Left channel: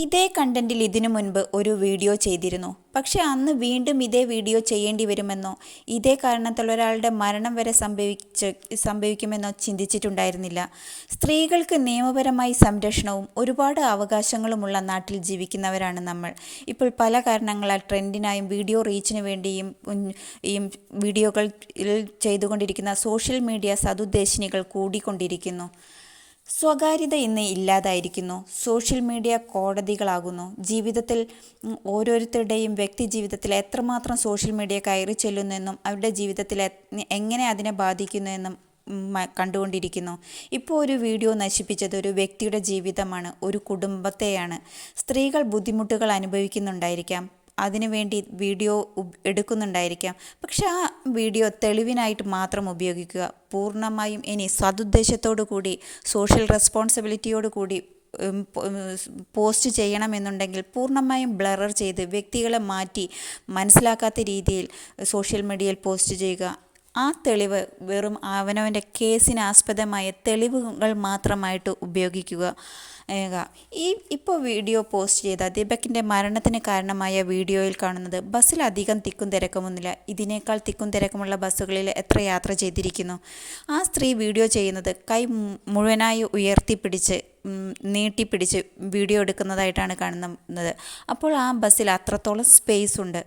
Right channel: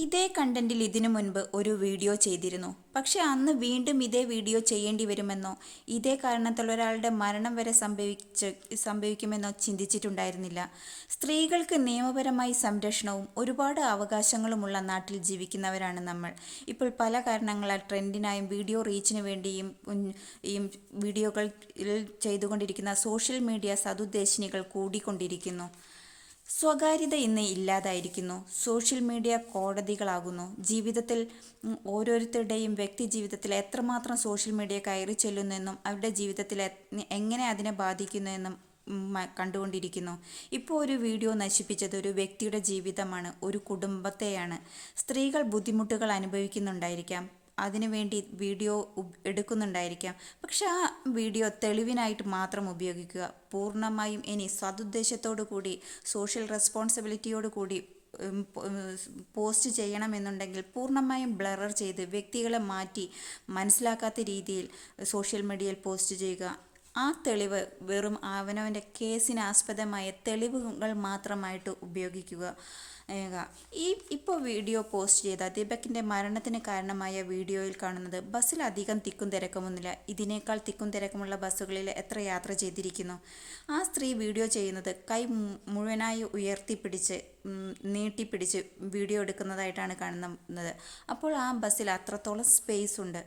ഇതേ കണ്ടന്റിൽ ഇതിനു മുൻപ് ഒരു വീഡിയോ ചെയ്തിരുന്നു. പക്ഷെ അന്ന് വീണ്ടും ഇതേ വീഡിയോ ചെയ്യേണ്ടി വരുമെന്നോ ഇതേ കാരണത്താൽ ഒരാളുടെ മരണം വരെ സംഭവിക്കുമെന്നോ ചിന്തിച്ചിട്ടുണ്ടായിരുന്നില്ല. സ്ത്രീകൾക്ക് നിയമപരമായി സംരക്ഷണവും ഒരുപാട് അവകാശങ്ങളുമുള്ള നാട്ടിൽ ജീവിക്കുന്നവരാണ് നമ്മൾ. ഇപ്പോൾ പല കാരണങ്ങളാൽ ട്രെൻഡിനായും വീഡിയോ റീച്ചിന് വേണ്ടിയും ഈ വീഡിയോകൾ ചെയ്തുകൊണ്ടിരിക്കുന്ന സോഷ്യൽ മീഡിയ സതുദ്ദേശിനികൾ കൂടിക്കൊണ്ടിരിക്കുന്നു. സ്വകാര്യത ഇന്ന് ഇല്ലാതായിരിക്കുന്നു. Social media കോടതികളാകുന്നു. ജീവിതത്തിൽ ഓരോരുത്തരുടെയും വ്യക്തി ജീവിതത്തിൽ എത്രമാത്രം സോഷ്യൽ മീഡിയ കയറി ചെല്ലുന്നെന്നും അവരുടെ ജീവിതത്തിൽ എങ്ങനെ അതിനെ ബാധിക്കുന്നുവെന്നും കണ്ടുകൊണ്ടിരിക്കുന്നു. ഇപ്പോൾ ഒരു വീഡിയോ നശിപ്പിച്ചത് ഒരു വ്യക്തിയുടെ ജീവിതമാണ്, ഒരു കുടുംബത്തെയാണ്. സ്ത്രീകൾ ബുദ്ധിമുട്ടുകൾ അനുഭവിക്കുന്നുണ്ടായിരിക്കാം, അതിനുവേണ്ടി വീഡിയോ എടുക്കുന്നുണ്ടായിരിക്കാം. പക്ഷെ ആ വീഡിയോ തെളിവിനായിട്ട് മാത്രം ഉപയോഗിക്കുക. പൂർണ്ണമായും ഇനി സതുദ്ദേശത്തോടു കൂടി സോഷ്യൽ റെസ്പോൺസിബിലിറ്റിയോട് കൂടി പോസ്റ്റ് ചെയ്യണമെന്നുണ്ടെങ്കിൽ പൂർണ്ണമായും ബ്ലറർ ചെയ്ത് വ്യക്തികളെ മാറ്റി മനസ്സിലാക്കാത്ത രീതിയിൽ സോഷ്യൽ മീഡിയയിൽ പോസ്റ്റ് ചെയ്യുക. ആ തെളിവ് വെറും അവനവൻ്റെ കേസിന് ആസ്പദമായ തെളിവുകൾ മാത്രമായിട്ട് ഉപയോഗിക്കുക. ഇപ്പോൾ വീഡിയോ പോസ്റ്റ് ചെയ്ത ദീപകിൻ്റെ മരണത്തിന് കാരണമായ വീഡിയോയിൽ കാണുന്നത് ബസ്സിൽ അധികം തിക്കും തിരക്കുമൊന്നുമില്ല. ഇതിനേക്കാൾ തിക്കും തിരക്കുമുള്ള ബസ്സുകളിൽ എത്ര യാത്ര ചെയ്തിരിക്കുന്നു. ആ സ്ത്രീ വീഡിയോ ചെയ്യുന്നത് കൈ മുഴുവനായി ഉയർത്തിപ്പിടിച്ച് നീട്ടിപ്പിടിച്ച് വീഡിയോ എടുക്കുന്നതായിട്ടാണ് കാണുന്നത്. അപ്പോൾ ആ ബസ്സിൽ അത്രത്തോളം സ്പേസ് ഉണ്ട്.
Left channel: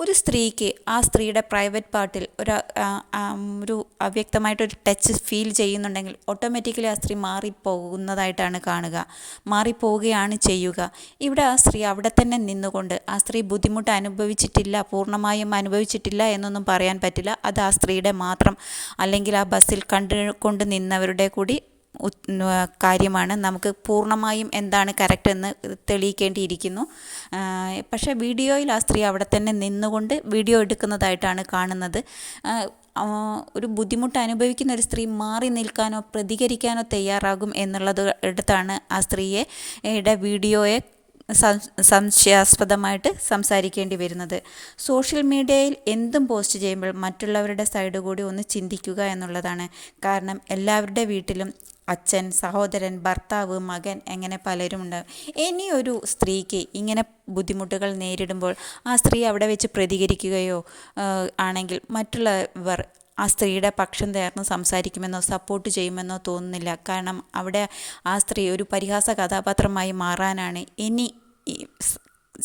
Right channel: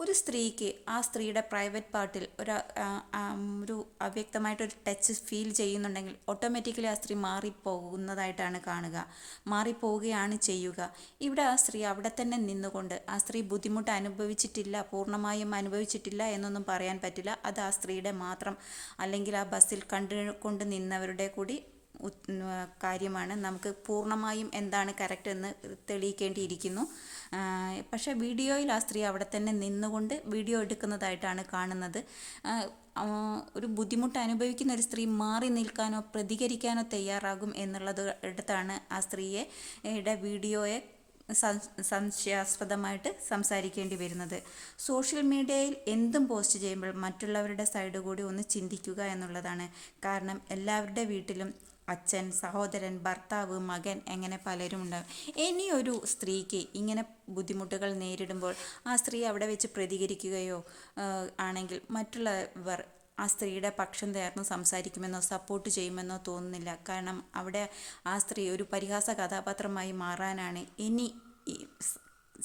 ഒരു സ്ത്രീക്ക് ആ സ്ത്രീയുടെ പ്രൈവറ്റ് പാർട്ടിൽ ഒരു അവ്യക്തമായിട്ടൊരു ടച്ച് ഫീൽ ചെയ്യുന്നുണ്ടെങ്കിൽ ഓട്ടോമാറ്റിക്കലി ആ സ്ത്രീ മാറിപ്പോകുന്നതായിട്ടാണ് കാണുക, മാറിപ്പോവുകയാണ് ചെയ്യുക. ഇവിടെ ആ സ്ത്രീ അവിടെ തന്നെ നിന്നുകൊണ്ട് ആ സ്ത്രീ ബുദ്ധിമുട്ട് അനുഭവിച്ചിട്ടില്ല, പൂർണ്ണമായും അനുഭവിച്ചിട്ടില്ല എന്നൊന്നും പറയാൻ പറ്റില്ല. അത് ആ സ്ത്രീയുടെ മാത്രം അല്ലെങ്കിൽ ആ ബസ്സിൽ കണ്ടുകൊണ്ട് നിന്നവരുടെ കൂടി കാര്യമാണ്. നമുക്ക് പൂർണ്ണമായും എന്താണ് കറക്റ്റ് എന്ന് തെളിയിക്കേണ്ടിയിരിക്കുന്നു. പക്ഷേ വീഡിയോയിൽ ആ സ്ത്രീ അവിടെ തന്നെ നിന്നുകൊണ്ട് വീഡിയോ എടുക്കുന്നതായിട്ടാണ് കാണുന്നത്. ഒരു ബുദ്ധിമുട്ട് അനുഭവിക്കുന്ന ഒരു സ്ത്രീ മാറി നിൽക്കാനോ പ്രതികരിക്കാനോ തയ്യാറാകും എന്നുള്ളത് എടുത്താണ് ആ സ്ത്രീയുടെ വീഡിയോയെ സംശയാസ്പദമായിട്ട് സംസാരിക്കേണ്ടി വരുന്നത്. സോഷ്യൽ മീഡിയയിൽ എന്തും പോസ്റ്റ് ചെയ്യുമ്പോൾ മറ്റുള്ളവരുടെ സൈഡ് കൂടി ഒന്ന് ചിന്തിക്കുക എന്നുള്ളതാണ്. കാരണം എല്ലാവരുടെ വീട്ടിലും അച്ഛൻ, സഹോദരൻ, ഭർത്താവ്, മകൻ അങ്ങനെ പലരുമുണ്ട്. ഇനി ഒരു സ്ത്രീക്ക് ഇങ്ങനെ ബുദ്ധിമുട്ടുകൾ നേരിടുമ്പോൾ ആ സ്ത്രീ അവിടെ വെച്ച് പ്രതികരിക്കുകയോ ആണെങ്കിൽ മറ്റുള്ളവർ ആ സ്ത്രീയുടെ പക്ഷം ചേർന്ന് സംസാരിക്കുമെന്നോ സപ്പോർട്ട് ചെയ്യുമെന്നോ തോന്നുന്നില്ല. കാരണം അവിടെ ആ സ്ത്രീ ഒരു പരിഹാസ കഥാപാത്രമായി മാറാനാണ് ഇനി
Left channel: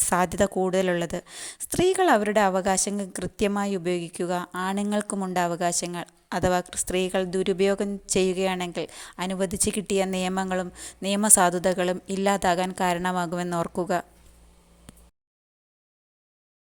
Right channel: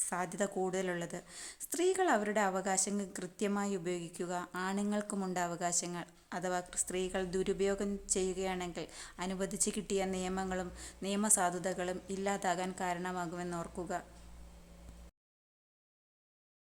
സാധ്യത കൂടുതലുള്ളത്. സ്ത്രീകൾ അവരുടെ അവകാശങ്ങൾ കൃത്യമായി ഉപയോഗിക്കുക. ആണുങ്ങൾക്കുമുണ്ട് അവകാശങ്ങൾ. അഥവാ സ്ത്രീകൾ ദുരുപയോഗം ചെയ്യുകയാണെങ്കിൽ അനുവദിച്ച് കിട്ടിയ നിയമങ്ങളും നിയമസാധുതകളും ഇല്ലാതാകാൻ കാരണമാകുമെന്ന് ഓർക്കുക.